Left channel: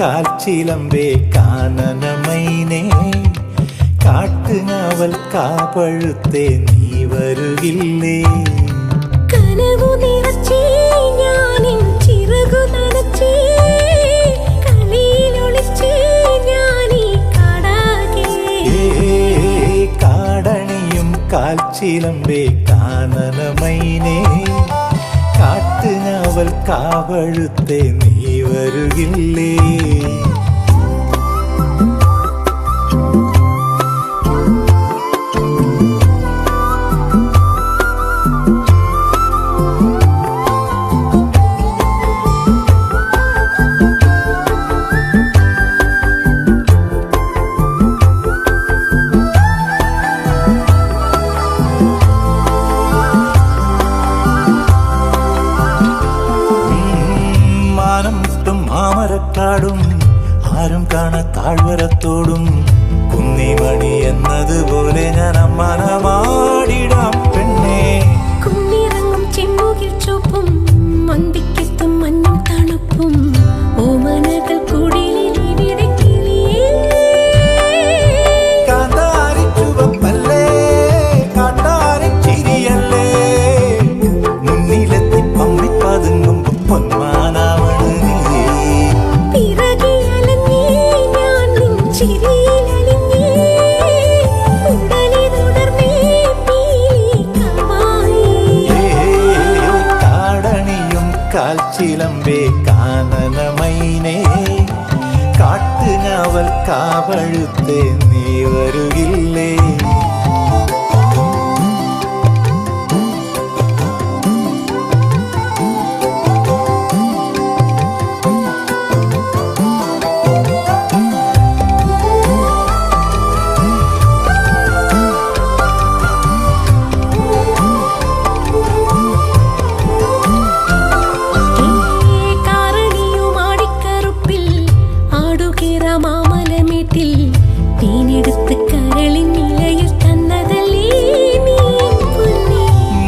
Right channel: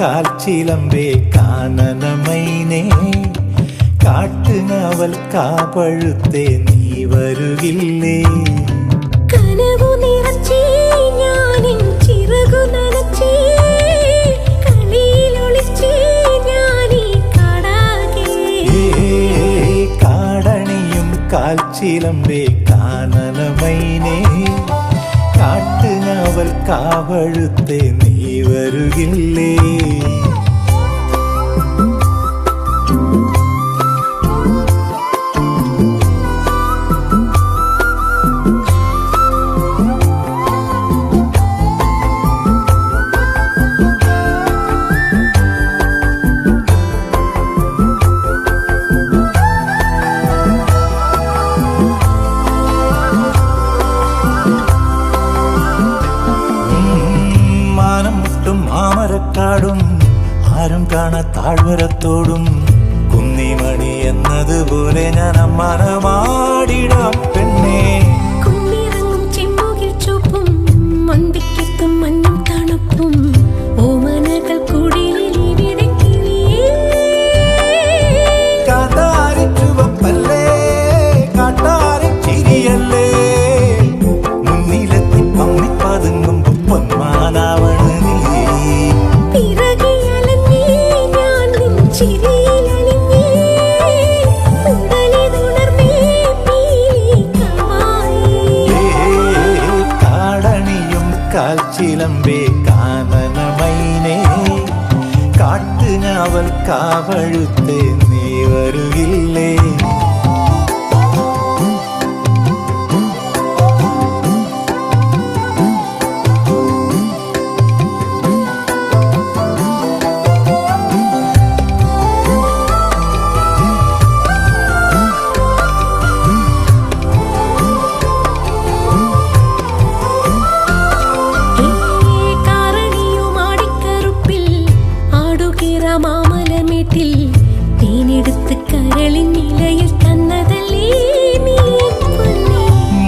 കാൽച്ചിലമ്പേ കാനനമൈനേ കാട്ടുങ്ങാവൽ കാപ്പഴുത്തേ നീ വരുകില്ലേ കനവു നിറച്ചേ ഞാനിൻ ചിറകു നനച്ചേ കളിയിലൊളിച്ചേ ഞാനീ കാടാകെ കാടണിയും കാൽച്ചിലമ്പേ കാനനമൈനേ കാട്ടുങ്ങാവൽ കാവഴുത്തേ നീ വരുകില്ലേ മാമരക്കാടും ആരും കാണാ താഴ്വരത്തോടും കുന്നിമണി എന്നതുപോലെ ഞാൻ അമ്മാനമാടിടാം പെണ്ണേ കുന്നിറങ്ങും ചെമ്മുകിൽ ചുവപ്പും മന്തിക്കെത്തും മഞ്ഞും തണുപ്പും ഓമനകൾ കുടിലിൽ ഇവിടെ കിളിയേ കാന്താരി ചുവപ്പല്ലേ കാട്ടാരൻ ചിരിയല്ലേ മുന്നിലെത്തി പമ്മി പതുങ്ങുമ്പോ പൊന്മാനാവണ് നീ പിറകിലഞ്ഞേ ഞാൻ നിൻ ചിരിയിലലിഞ്ഞേ ഉടലിതുണർന്നേ പീലിക്കമായി കാടണിയും കാൽച്ചിലമ്പേ കാനനമൈനേ കാട്ടുഞാവൽ കാവഴുത്തേ നീ വരുകില്ലേ മാമലമേട്ടിൽ തേനെടുത്ത് കരളിൻ നിലയിൽ തന്നതല്ലേ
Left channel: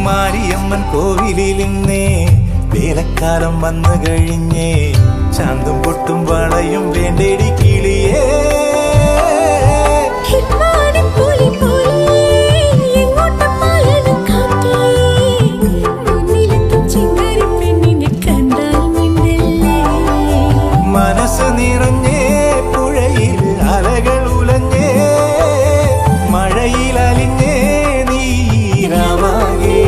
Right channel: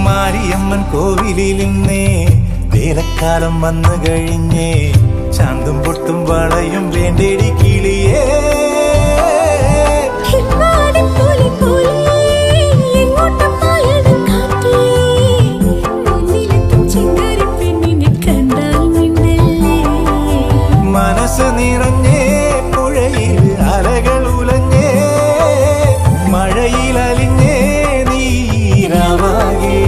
മാരിയമ്മൻ കോവിലിൽ നിന്നേ വേലക്കാലം വന്നു കഴിഞ്ഞേ ചാന്തും പൊട്ടും വളയും വേണ്ടേടി കിളിയേ മനസ്സ് നിറഞ്ഞേ പുഴയിൽ അലകൾ ഉലഞ്ഞേ മഴയിൽ അലിഞ്ഞേ നീരാവാകേ